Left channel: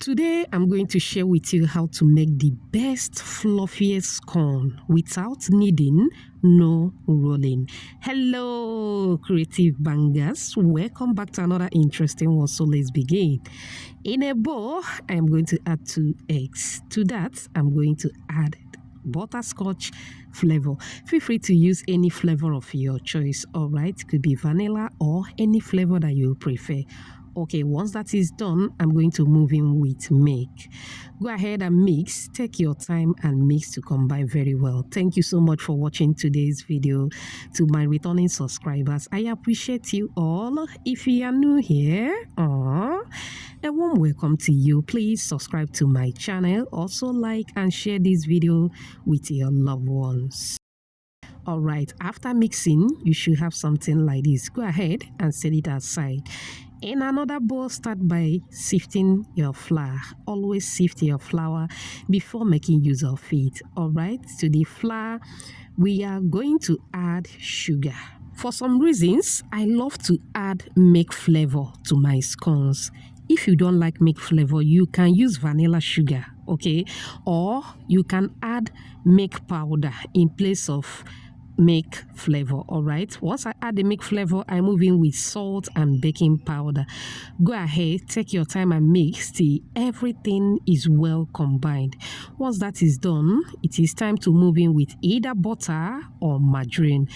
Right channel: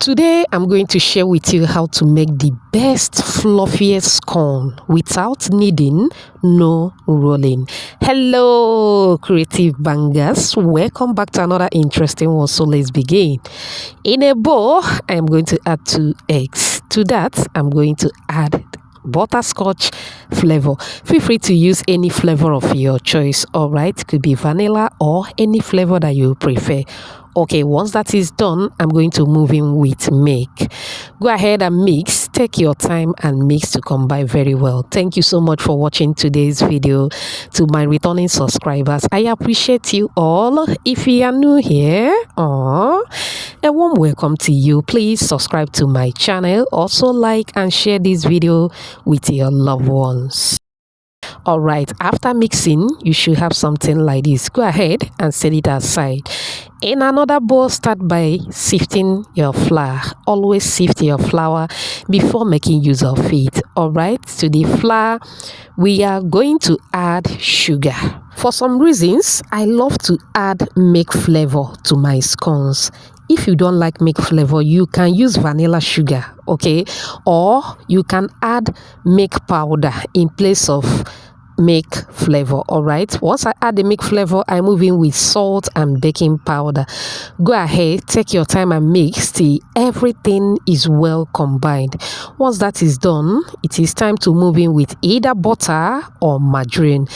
Today, I'm going to share with you how to make the best fluffiest scone without kneading, no rolling. Hello, creative bangers. Welcome back to another interesting one. So let's begin. In a bowl, I'm going to add 2 eggs. To that, I'm going to add butterscotch flavor. Feel free to use any flavor of your choice. All right, could be vanilla or any flavor that you prefer. Okay, once that is done, I'm going to move in with milk. Go ahead and mix. Take your time and mix to combine very well. Thank you so much for watching today's video. To my returning subscribers, I appreciate you all. If you are new here, a warm welcome to you. Please subscribe to my channel. Also like and share this video with your loved ones. All right, after mixing, you should have something like this. Go ahead and set it aside. In another bowl, start by sifting your flour. Always sift your flour before making use of it. All right, to the flour, we are going to add sugar. For some reasons, I love to add milk flavor to my scones. If you don't like milk flavor, you can use vanilla sugar, okay? Or you can add milk powder in place of milk flavor. All right, once I add the milk flavor, I move in with salt and baking powder. Go ahead, take your time and mix till everything is well combined. Once that is done, it is time to move in with either butter or margarine.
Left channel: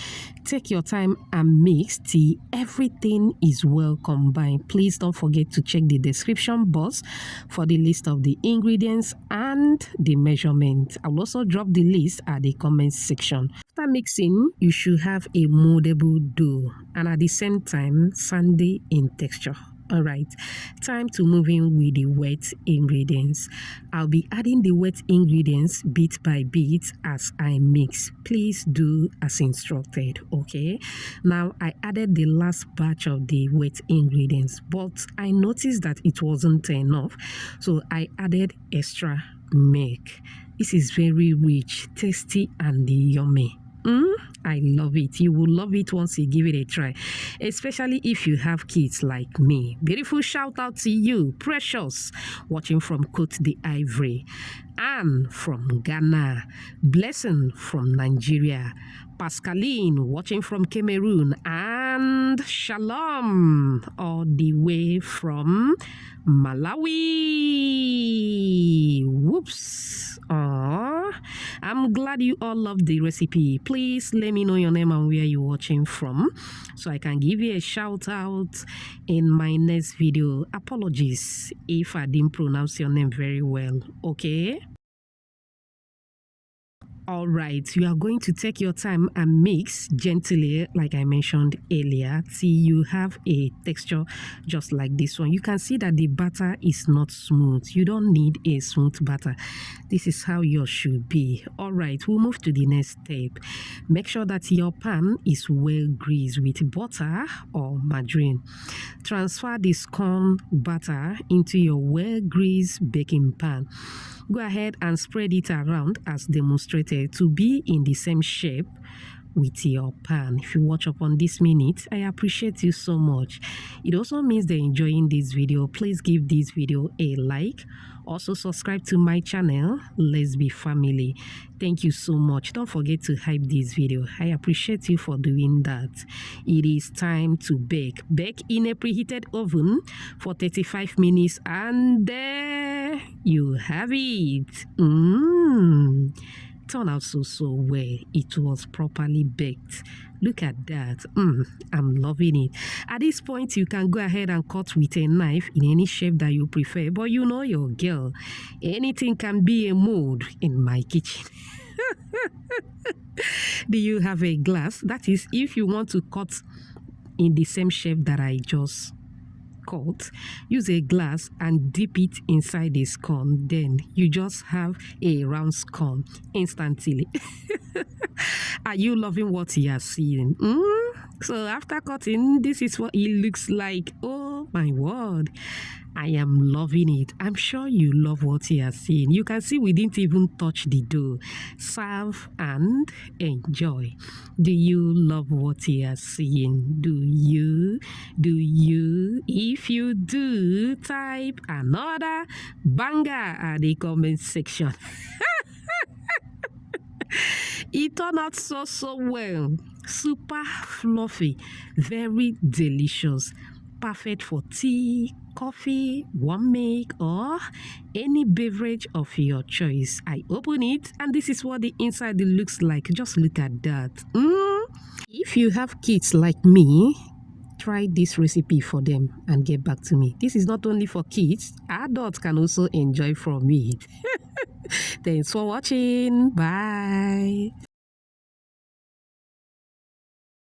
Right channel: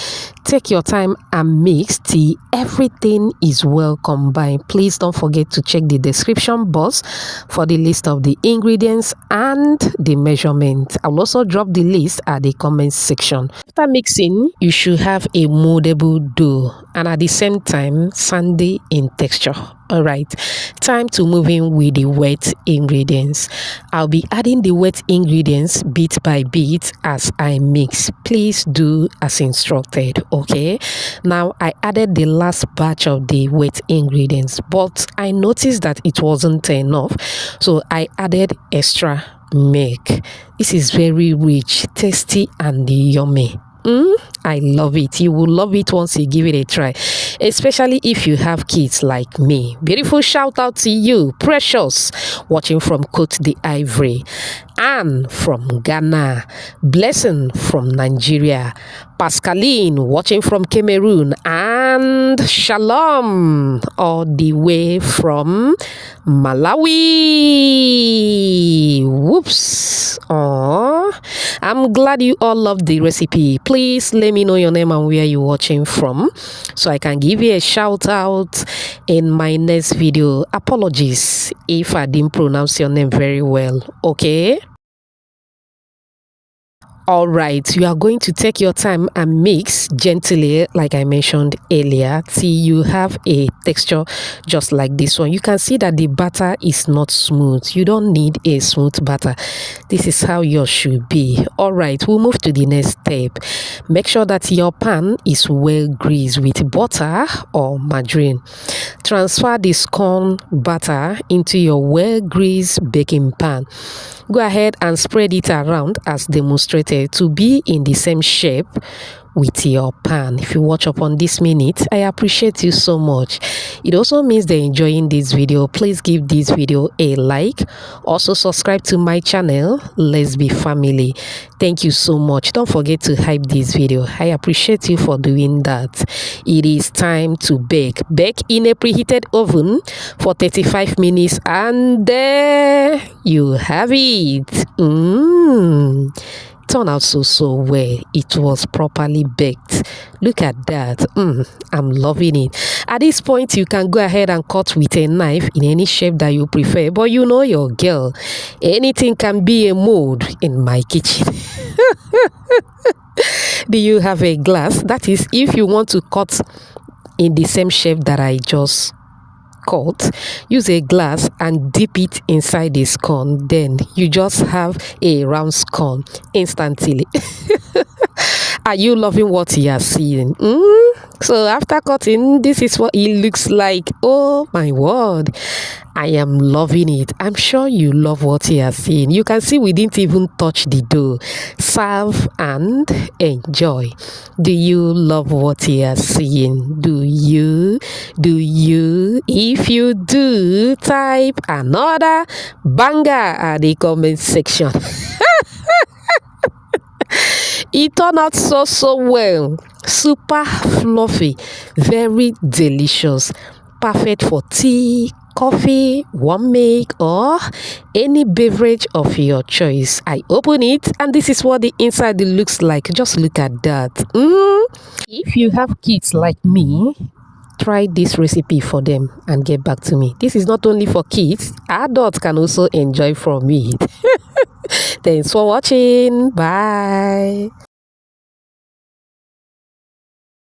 Take your time and mix till everything is well combined. Please don't forget to check the description box for the list of the ingredients and the measurement. I'll also drop the list at the comment section. After mixing, you should have a moldable dough and at the same time sandy in texture. All right, time to move in with the wet ingredients. I'll be adding the wet ingredients bit by bit as I mix. Please do as instructed, okay? Now, I added the last batch of the wet ingredients, but I noticed that it wasn't enough, so I added extra milk. This is very rich, tasty, and yummy. I love it. You will love it once you give it a try, especially if you have kids like me. Beautiful shout out to you, Precious, watching from Côte d'Ivoire, Anne from Ghana, Blessing from Nigeria, Pascaline watching from Cameroon, and Shalom all the way from Malawi. Whoops. Oh, I'm glad you all love the recipe. Please let me know your name and where you're watching from so I can give you a shout out in my next video. Apologies if I didn't pronounce your name very well, okay? All right, you are going to take your time and mix gently, like I mentioned earlier, till you have a texture just like this one. You can see that the batter is not smooth. You don't need a smooth batter. This is how yours should be. All right, we'll move to the next step. Make sure that your pan is well greased with butter or margarine. Transfer the scone batter into your well greased baking pan. Go ahead and spread it around as demonstrated to be in the same shape with your pan. If you watch up on this minute, I appreciate you so much. It also means they're enjoying this video. Please give this video a like. Also subscribe to my channel. Let's be family. Thank you so much. Don't forget to hype this video. I appreciate you for doing that. It is time to bake. Bake in a preheated oven for 35 minutes and there you have it. Turned out so well. It was properly baked. Look at that. I'm loving it. At this point, you can go ahead and cut with a knife in any shape that you prefer, but you know your girl, anything can be a mold in my kitchen. Do you have a glass? That is, if you want to cut in the same shape that I just cut, use a glass and dip it inside the scone. Then you just have a round scone instantly. Are you loving what you are seeing? So after cutting, this is what it looks like. Oh my word, I am loving it. I'm sure you love what you are seeing. You can see we didn't even touch the dough. Serve and enjoy. Do you love what you are seeing? Do you? Do you? If you do, type another banger at the comment section. It turned out so well. Super fluffy, very delicious, perfect for tea, coffee, warm milk, or any beverage of your choice. I open it and this is what the inside looks like. Just look at that. If you have kids like me, try this recipe for them and get back to me. This is not only for kids, adults can also enjoy from it. Thanks for watching. Bye.